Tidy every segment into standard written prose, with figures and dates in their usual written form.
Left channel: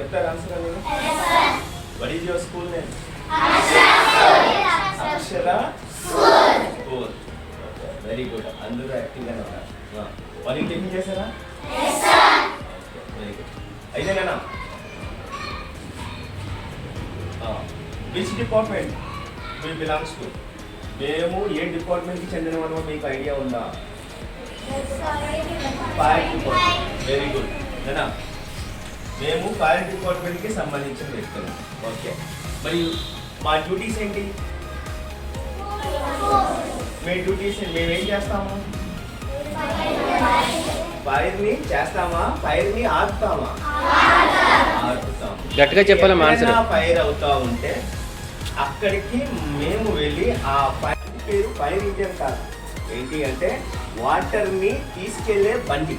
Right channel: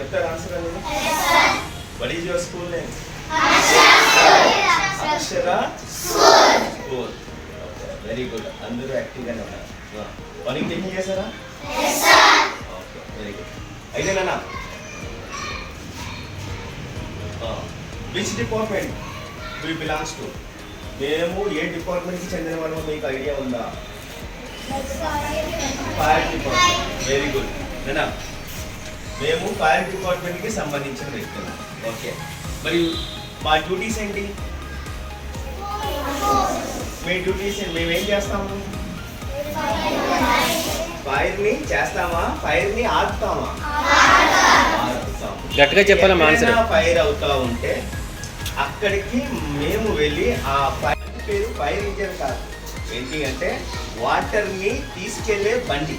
చెప్తారు ఆన్సర్ అనేది? What is your school name? Akshara school. Very good, అందరూ యాక్టివ్గానే ఉన్నారు. వాళ్ళకి టిఫిన్ చేశారా? Okay, very good. అయితేనా which department we belongs to? మేము ఏ డిపార్ట్మెంట్కి చెందిన వాళ్ళమో మీకు ఐడియా ఉందా? Fire department. Very good. నేనా మేము ఫైర్ డిపార్ట్మెంట్కి సంబంధించిన వ్యక్తులు. ఓకే, మరి మా డ్యూటీస్ ఏంటి? మీ డ్యూటీస్ మేమేం చేస్తాము? ఫైర్ని చేస్తామా? ఫైర్ని ఆపుతామా? ఆపుతాం. గట్టిగా చెప్పాలి. ఫైర్ అవుతా ఉంటే అక్కడికి మేము వెళ్ళి ఆ ఫైర్ పేరు ఫైర్ ఇంజన్ కాదు, ఏంటి అంటే వాటర్ని తీసుకెళ్లే బండి.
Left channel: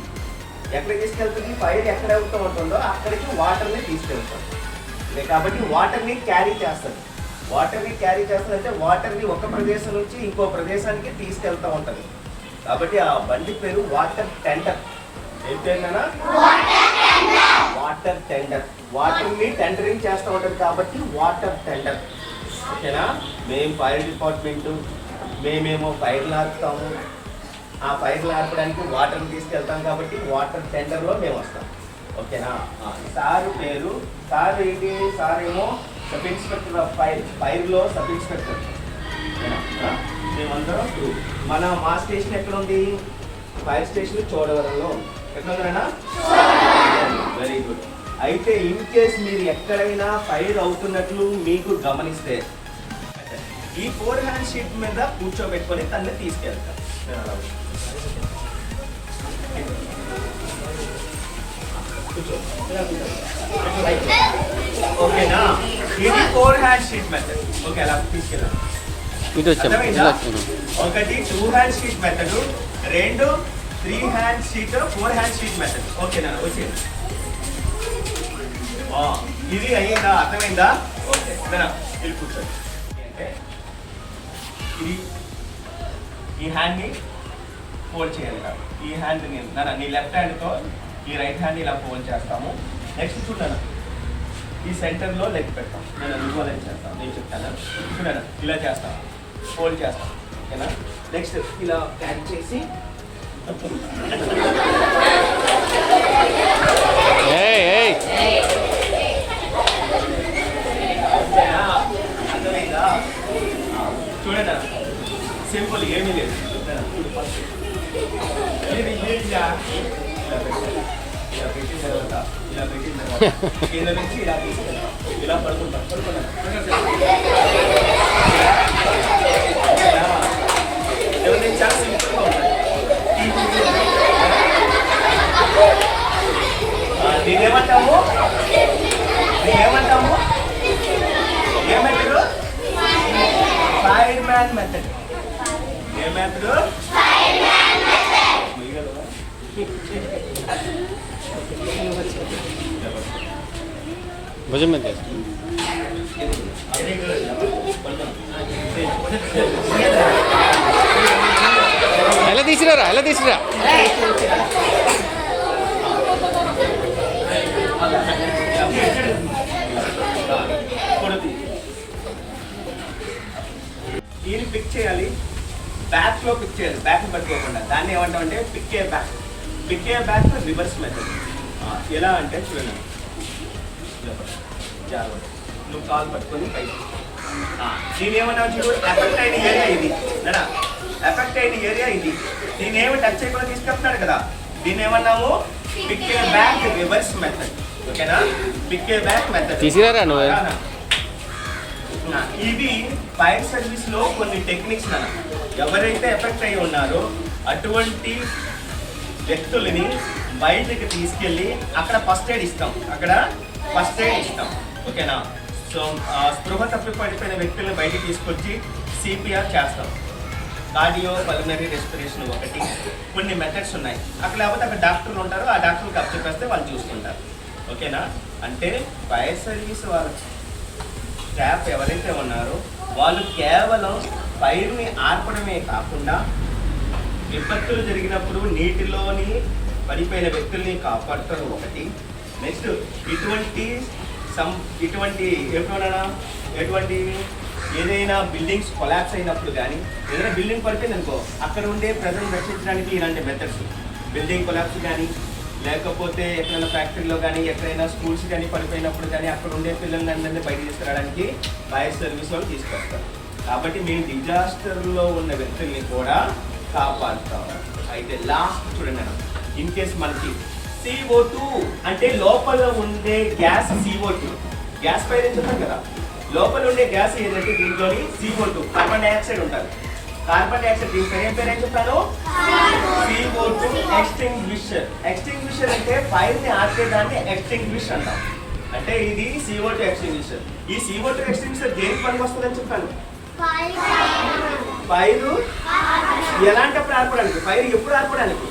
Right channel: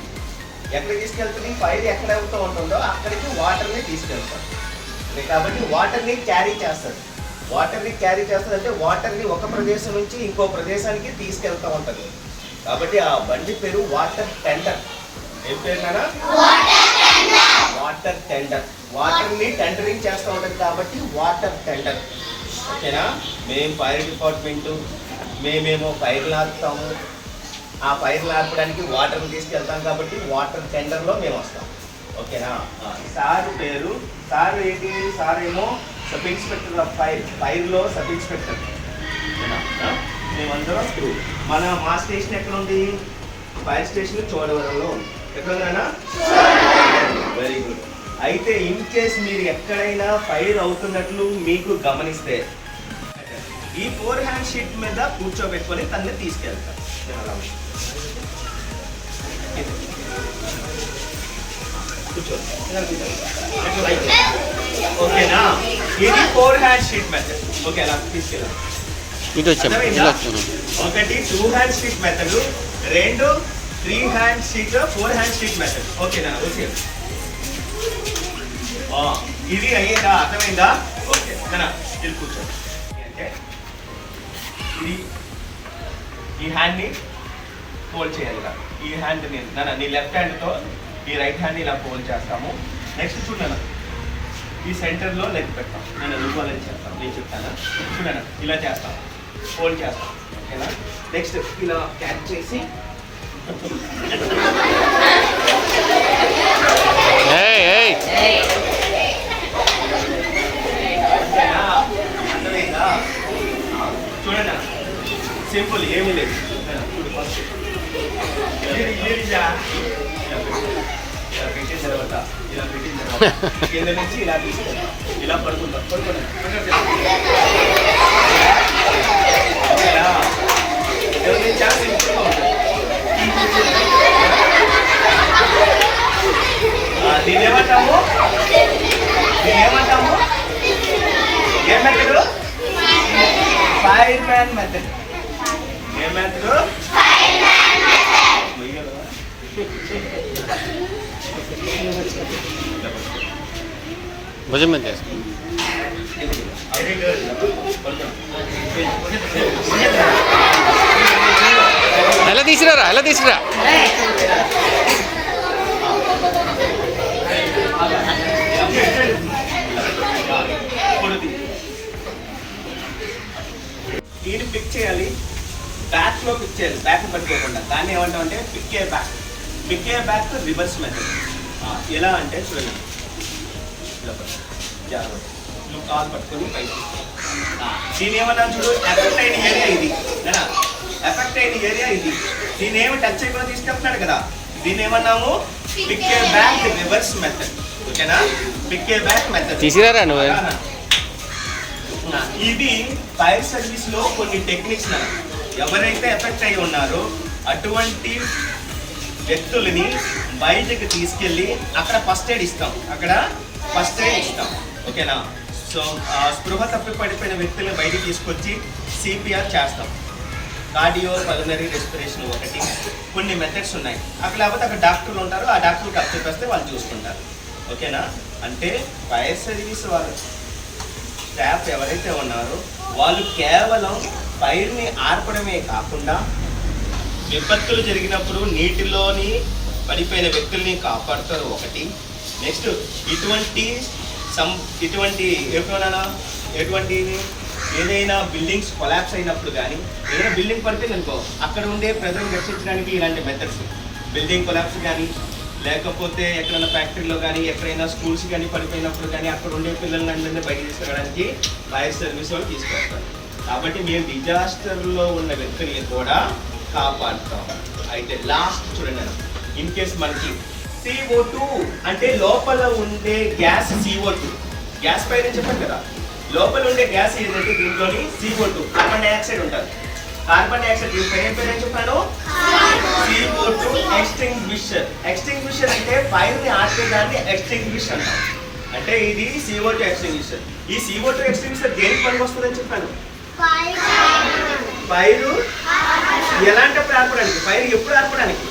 ఎక్కడికి తీసుకెళ్తుంది? ఫైర్ ఎక్కడ అవుతూ ఉంటుందో అక్కడికి వాటర్ని తీసుకెళ్తాం. కాబట్టి వాటర్ని క్యారీ చేస్తుంది. వాటర్ని క్యారీ చేస్తుంది అంటే వాటర్ని ఒక ప్రదేశం నుంచి ఇంకో ప్రదేశానికి తీసుకెళ్తూ ఉంటుంది. కాబట్టి ఆ బండి పేరు వాటర్ టెండర్. ఏం పేరునా? Water tender. వాటర్ని టెండరింగ్ చేస్తూ ఉంటుంది కాబట్టి వాటర్ టెండర్. ఓకేనా? మేము ఫైర్ డిపార్ట్మెంటు, మేమేమో ఫైర్లు ఆపుతాము. ఆ ఫైర్లు ఆపడానికి వాటర్ని తీసుకెళ్తాం కాబట్టి వాటర్ టెండర్లో మేము వస్తాం. ఓకేనా? సార్ పేరు, సార్ ఏంటి? సార్ ఏమో సబ్ ఇన్స్పెక్టర్ ఆఫ్ ఫైర్. ఫైర్లో సబ్ ఇన్స్పెక్టర్. మేమందరం మా స్టేషన్ ఎక్కడ ఉంది? ఫైర్ స్టేషన్ చోడవరంలో ఉంది. ఎక్కడ ఉందన్నా? Very good. అయితే ఇన్ కేస్ మీరు ఎక్కడైనా ఫైర్ అవుతున్నట్లు మీకు గమనిస్తే ఈ 4 హ్యాండ్ షీట్ మీద కూర్చోబెట్టుకొని తనని తీసుకెళ్తాం. ఓకేనా? ఇది 4 హ్యాండ్ షీట్ మెథడ్. ఓకే, అలా తీసుకెళ్ళాం. ఒకటి 2 hand sheet method, 2 3 hand sheet, 4 hand sheet method. ఓకేనా? వచ్చి ఇది అయ్యేదా? అర్థమైందా? ఓకే, ఇది కూర్చోండి. అంటే ఇది ఈ హ్యాండ్ని ఫోల్డ్ చేయాలి. ఈ హ్యాండ్ నీ లెఫ్ట్ హ్యాండ్తో ఈ రైట్ హ్యాండ్ ఇలా ఫోల్డ్ చేస్తాము. నెక్స్ట్ చూడనా, ఈ సెంటర్లో లెగ్ పెట్టాం. నేను నువ్వు అనేది చేస్తాను, నేను చెప్తాను. చూడనా, ఇలా చేస్తాం, ఫోల్డ్ చేస్తాం. ఓకేనా? నెక్స్ట్ ఇలా క్యాచ్ చేసి చూడండి, సింపుల్, ఏమీ లేదు. చూడు, ఫస్ట్ పెట్టిన తర్వాత ఇలా పెట్టిన తర్వాత కింద నుంచి ఇలా తీసుకుంటాం. ఇలా పడుకుంటాం. చాలా సింపుల్గా ఉంటుంది. దీనేమంటాము? ఏ మెథడ్? Fireman method. ఏ మెథడ్? భుజం మీద ఎలా తీసిరారా? ఎలా తీసిరా? దీన్ని పిక్ చేయాలి, బ్యాక్ లో పిక్ చేయాలి. బ్యాక్ పట్టుకోకుండా దాన్ని ఏమంటాం అంటే piggyback. Piggyback reverse method. ఎలా అంటే చూడండి, నువ్వు కాలు పట్టుకొని పైకి. దీని ఏమన్నా చూడు, ఎఫెక్ట్ అయిన ఏరియా ఇది. ఎఫెక్ట్ అయిన ఏరియా ఇది. దీని ఏమి టచ్ చేయకుండా తీసుకెళ్తున్నాడు కదా, దీన్ని ఏమన్నాము? పిక్కే బ్యాక్ రివర్స్ మెథడ్. ఓకేనా? పిక్కే బ్యాక్ మెథడ్. తీసిరారా నువ్వు? ఇది ఫైర్ సర్వీస్ లో కొన్ని టెక్నిక్స్. ఎవరైతే ఎఫెక్ట్ అయి ఉన్నారో అటువంటి వ్యక్తులని బయటకు తీసుకెళ్ళి అక్కడ ఫస్ట్ ఎయిడ్ ఇస్తాం. ఓకేనా? సో స్పృహ తప్పి పడిపోయిన వ్యక్తులను బయటకు తీసుకొచ్చి సిపిఆర్ చేస్తాం. కార్డియో పల్మనరీ రెస్పిరేషన్ ఒకటి. కొన్ని మెథడ్స్ ఉన్నాయి. అక్కడ లేకపోతే అక్కడ డాక్టర్లు ఉంటారు, ఆ డాక్టర్కి అప్పచెప్పేస్తే వాళ్ళు చూసుకుంటారు. ఓకేనా? అంటే ఫైర్ సర్వీస్ వాళ్ళ స్టాఫ్ ఎవరైతే ఉన్నారో వాళ్ళు కేవలం ఫైర్ని ఆర్పడమే కాకుండా విపత్తులు జరిగినప్పుడు నీటిలోని పడిపోయిన వ్యక్తుల్ని కాపాడుతారు ఒకటి. నెక్స్ట్ ఇటువంటి ఎటువంటి ఏదైనా బిల్డింగ్స్ కొలాప్స్ అయినప్పుడు కానీ ఏదైనా బిల్డింగ్ పడిపోయింది అనుకో, అక్కడ ఉండే ప్రజలను రక్షించడానికి ఇలాంటి మెథడ్స్, బిల్డింగ్ కొలాప్స్ కానీ లేకపోతే ఎక్కడైనా ఫ్యాక్టరీలో కానీ ఎక్కడైనా స్కూల్స్ కానీ పడిపోయినప్పుడు కానీ అక్కడ ఉండే పిల్లల్ని అందరినీ బయట తీసుకురావడానికి ఫైర్ సర్వీస్ వాళ్ళు తీసుకొస్తారు. కాబట్టి మేము డిజాస్టర్లో ఉన్న వ్యక్తుల్ని కూడా కాపాడుతాం. అయితే లాస్ట్ చూడండి, ఇన్ కేస్ మనకి CO2 అంటే లోపల ఉండే గ్యాస్ CO2, గ్యాస్ పైన చెప్పాను కదా, లోపల ఉండే గ్యాస్ ఏదంటే దీంట్లోని CO2 కార్బన్ డైఆక్సైడ్ ఉంటుంది. కార్బన్ డైఆక్సైడ్ దీని పేరు ఏం పేరు అని చెప్పాను, CO2 ఎక్స్టింగ్విషర్. ఎక్స్టింగ్విషర్ అంటే ఫైర్ ని ఆర్పేదాన్ని ఎక్స్టింగ్విష్ అంటాం. అంటే ఇది CO2 ఎక్స్టింగ్విషర్. ఈ CO2 ఎక్స్టింగ్విషర్ దేనికి పనికి వస్తుందని చెప్పాను, ఫైర్ ఎలాంటప్పుడు ఆర్పడానికి, ఫైర్ ఎప్పుడు ఆర్పడానికి,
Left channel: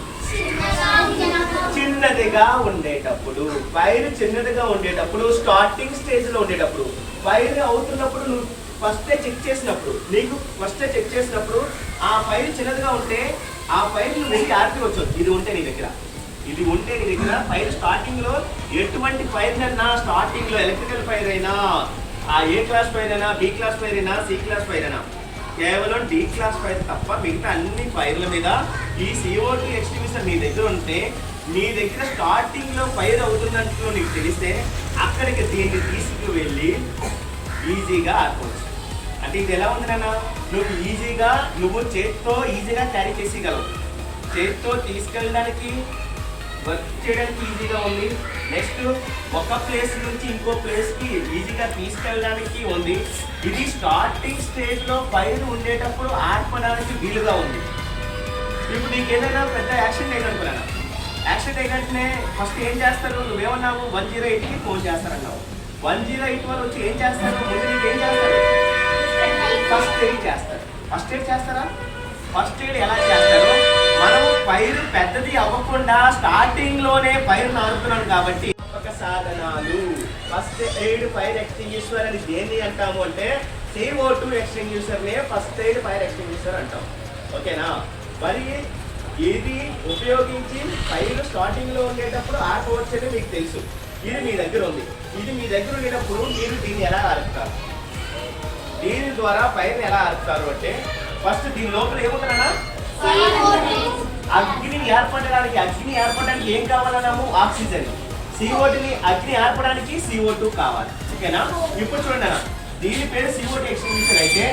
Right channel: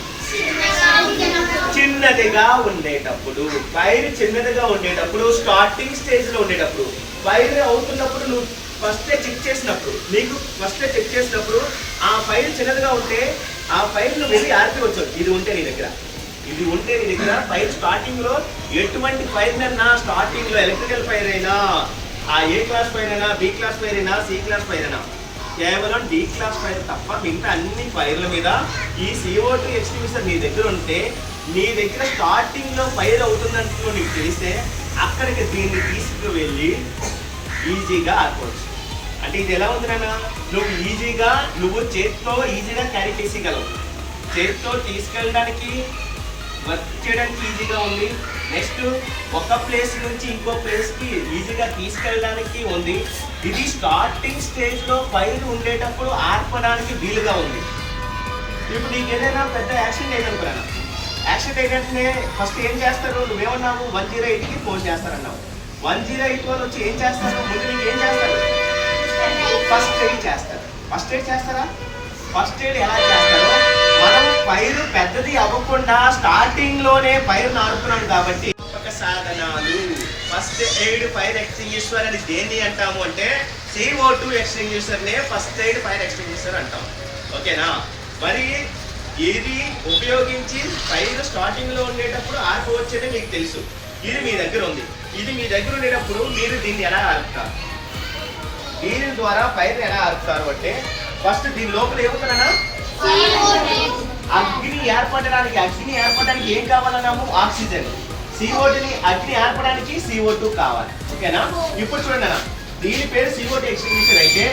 చిన్నదిగా ఉండేటప్పుడు, ఫైర్ చిన్నదిగా ఉండేటప్పుడు, స్టార్టింగ్ స్టేజ్ లో ఉండేటప్పుడు, ఫైర్ అవుతున్నప్పుడు నువ్వు ఫస్ట్ చెక్ చేసినప్పుడు, నీకు ఫస్ట్ చెక్ చేసినప్పుడు ఆ ఫైర్ చిన్నదిగా ఉంటే ఆ ఫైర్ నువ్వు వెళ్ళి ఆర్పవచ్చు. ఇది ఉంటే నీ దగ్గర ఫైర్ స్టార్టింగ్ లో ఎటువంటి ఫైర్ అన్నా, స్టార్టింగ్ లో ఎలక్ట్రికల్ ఫైర్ అయినా, ఆ ఏ క్లాస్ ఫైర్ అయినా, బి క్లాస్ ఫైర్ అయినా, సి క్లాస్ ఫైర్ అయినా, కేవలం డి క్లాస్ ఫైర్ తప్ప మిగతా అన్ని ఫైర్ల మీద ఈ CO2 ఎక్స్టింగ్విషర్ నీ దగ్గర ఉంటే, నీ దగ్గర స్టార్టింగ్ లో ఫైర్ అవుతున్నట్లు నీకు తెలిస్తే అక్కడికి దీన్ని తీసుకువెళ్ళి ఈజీగా ఆర్పవచ్చు. అంటే ఇది ఎలా ఉంది నాన్న, నువ్వు చేత్తో ఈజీగా క్యారీ చేసేయగలవు, చేత్తో తీసుకెళ్ళడానికి వర్క్ చేయడానికి ఈజీగా ఉంది. నెక్స్ట్ ఒక ప్లేస్ నుంచి ఇంకో ప్లేస్కి ఈజీగా తీసుకెళ్ళడానికి ఉంది. ఇది స్టార్టింగ్ స్టేజ్లో ఫైర్ ఉండేటప్పుడు ఆర్పడానికి వీలుగా ఉంది. ఇప్పుడు నీకు ఏదైనా పెద్ద యాక్సిడెంట్ అయ్యానుకున్నాను, యాక్సిడెంట్ అయినట్టునే ఫస్ట్ ఏం చేస్తారు, నువ్వేమన్నావు 108కి ఫోన్ చేస్తారన్నావు. 108 వాళ్ళు వచ్చి ఏం చేస్తారు, ముందు నీకు ఏం చేస్తారు, ఫస్ట్ ఎయిడ్ చేస్తారు. ఫస్ట్ ఎయిడ్ చేస్తారా? ఫస్ట్ ఎయిడ్ ఎలా చేస్తారో, మనం ఫైర్ పెద్దది అవ్వకుండా స్టార్టింగ్ లోనే ఫైర్ ఆడుతున్నాం కాబట్టి ఒక సాధనాలు, ఫస్ట్ ఎయిడ్ ఫైర్ ఎక్స్టింగ్విషర్ అని దేన్ని అంటాము అంటే CO2 ఎక్స్టింగ్విషర్ నే ఫస్ట్ ఎయిడ్ ఫైర్ ఎక్స్టింగ్విషర్ అంటాం. ఓకేనా? మరి ఇది ఉపయోగించి ఫైర్ స్టార్టింగ్ లో ఉండేటప్పుడు ఆర్పవచ్చని మీకు తెలుసు. ఇది మీ దగ్గర ఉంది. ఇది మీ దగ్గర ఉండేటప్పుడు మీరు దీన్ని ఎలా ఆర్పుతారు, దీని ద్వారా ఫైర్ ఎలా ఆర్పుతారు అంటే ఫస్ట్ దీని లోపల ఏముంటారన్నా, అగ్ని ఏర్పడడానికి ఏం కావాలన్నాము, ఆక్సిజన్. CO2ని అగ్ని ఏర్పడడానికి CO2 కావాలి. ఓకేనా? ఇప్పుడు చూడండి అన్న, దీని పేరు CO2 ఎక్స్టింగ్విషర్ అయితే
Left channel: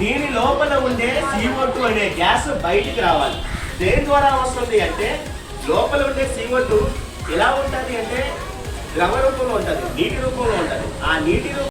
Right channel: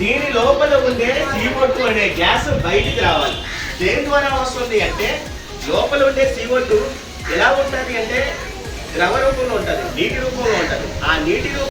దీని లోపల ఉండే CO2 అనే గ్యాస్ బయటికి రావాలి. దేని ద్వారా వస్తుంది అంటే, లోపల ఉండే CO2 ఎలా ఉంటుంది అంటే ద్రవ రూపంలో ఉంటుంది, నీటి రూపంలో ఉంటుంది. ఆ నీటి